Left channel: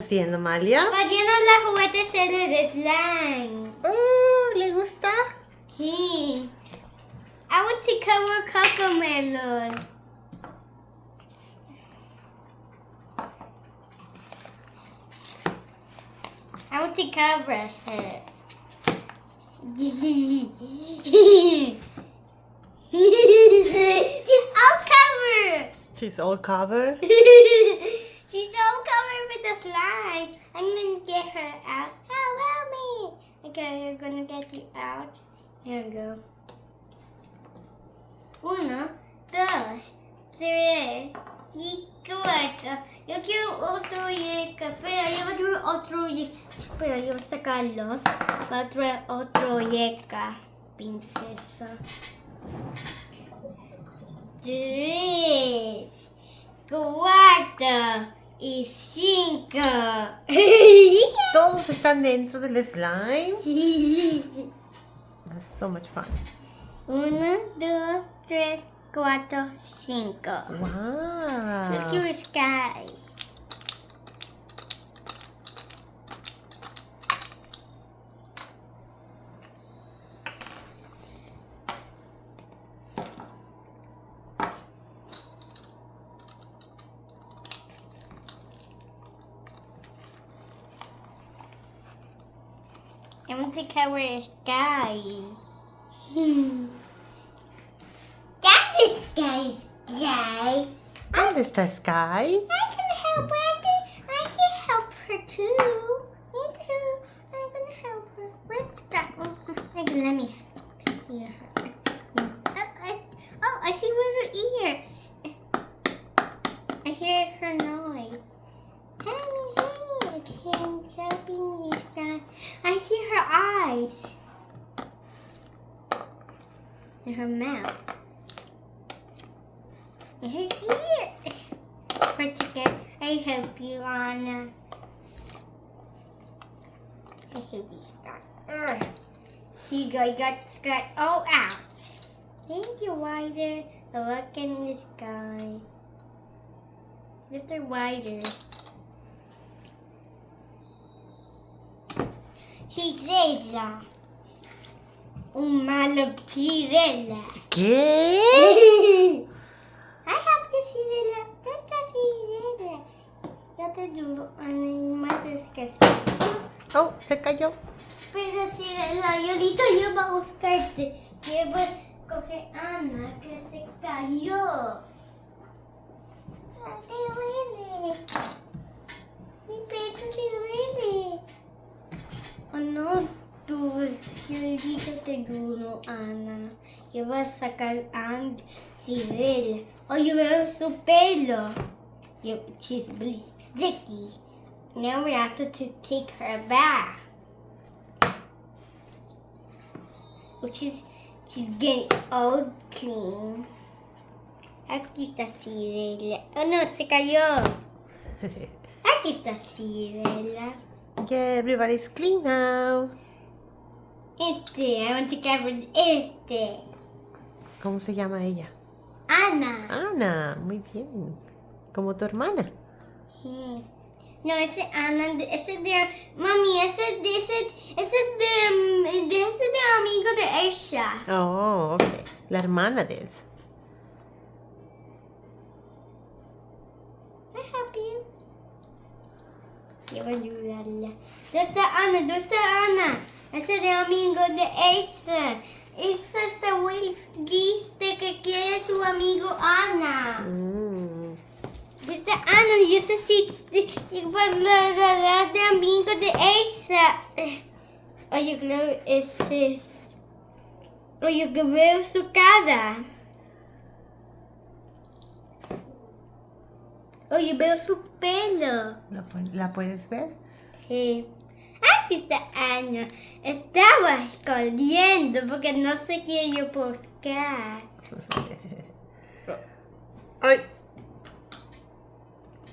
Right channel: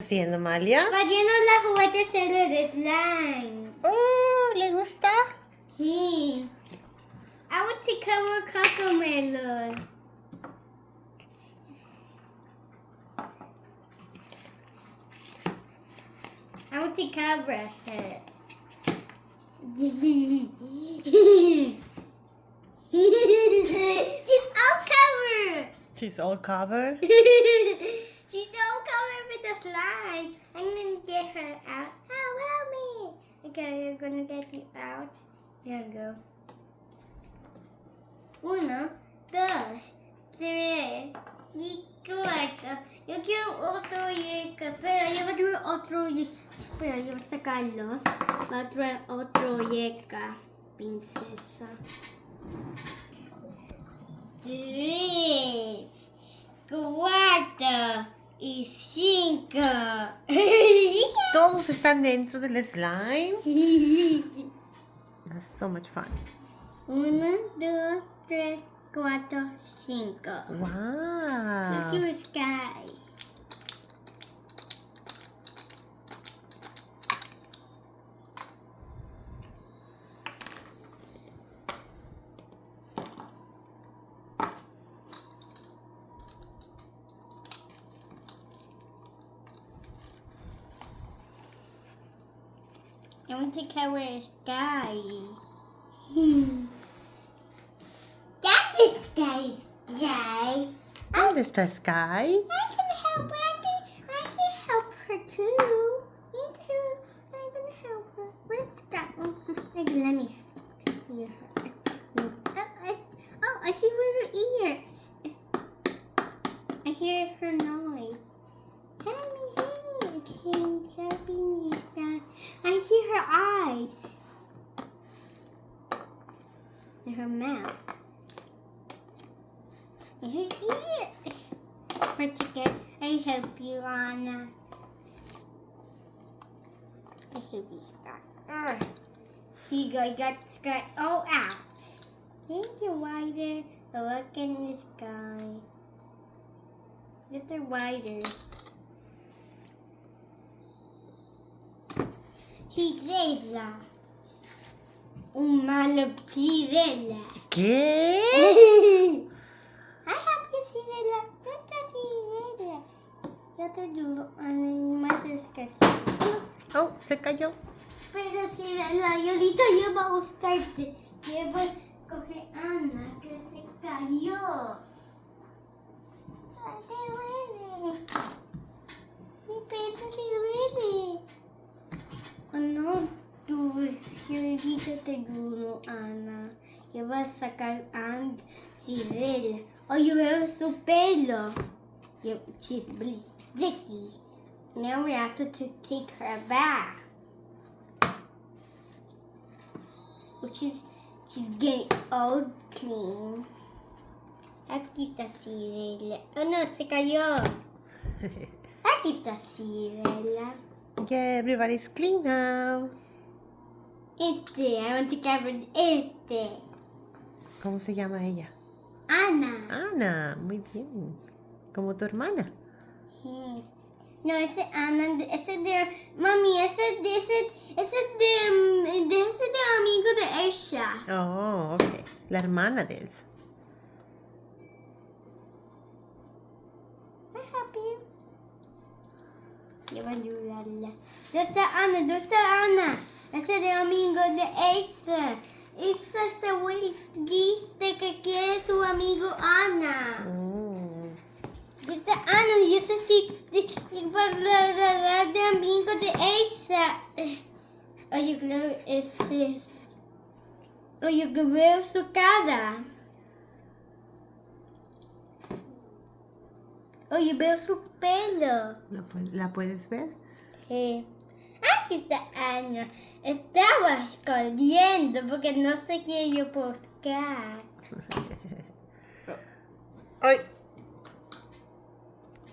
Haciendo, Amalia? Poniendo los juguetes en el slime. Oh, ¿le gusta? Sí. I want to cover Cocomelon. I want to cover her. She's all covered. She's all covered. She's all covered with the slime. I'm gonna get her out. Help me. Okay, you're gonna get you out. Here we go. 1, 2, 3 y 4. Yo quiero otro yeca. Espera, yo voy a traer otro yeca. Espera, yo voy a sacarlos. Voy a traer otro yeca. Princesa. 3, 4 y 5. Todos están dentro del slime. That's so much fun. 1, 2, 3, 4, 5. Let's Wow. go Sky. I want to cover Sky. That is Sky. ¿Dónde está Sky? I can help her. I can help her too. Me too. I'm gonna help her. Where's Sky? Let me see her. I see her ears. I hear her noise. Hey, okay, helping you, Sky. I see her eyes. And her mouth. And her ear. Protect. I help you, Anna. I help you, Sky. Here you go. I got Sky all out. Thank you, Wider. Look in the sky. Mr. Wider. Cirella. Un malo Cirella. ¿Qué? I help you, Cirella. ¿Dónde está Cirella? Yo te ayudo, Ana, más es que sí. Oh, se cayó. Pero Cirella, yo ahorita yo voy a buscarte. Yo voy a coger a Ana que se cayó. Me duele. Mi pecho se duele. Oh no, tú, yo ahorita te ayudo, Ana. Yo voy a sacar a Cirella. Oh, yo veo su pelo. She's really sticky. Now we have to take her back. Oh, she's getting all clean. Aquí está Cirella. Oh no, se cayó. Aquí está Cirella. Yeah, everybody's clean now. I want to cover este. ¿Cómo se llama ella? Ana. Ana, muy bien. Como tu hermana. No, ese Ana, ese de mami, ese de amigo de ella. Oh, ok. La hermana de Elsa. I help you. Yo voy a ayudarla. ¿Dónde está Ana? ¿Dónde está Ana? Ese de amigo de Elsa. Elsa está muy triste que quiere su amigo Ana. ¿Dónde está Ana? Yo sé si de amigo de Elsa. Oye, claro, ese es. Oye, que veo su cara. Oye, veo su pelo. ¿La puedes ver? Aquí está Ana. Estaba escondiendo porque no sé quién yo buscar. ¡Ay!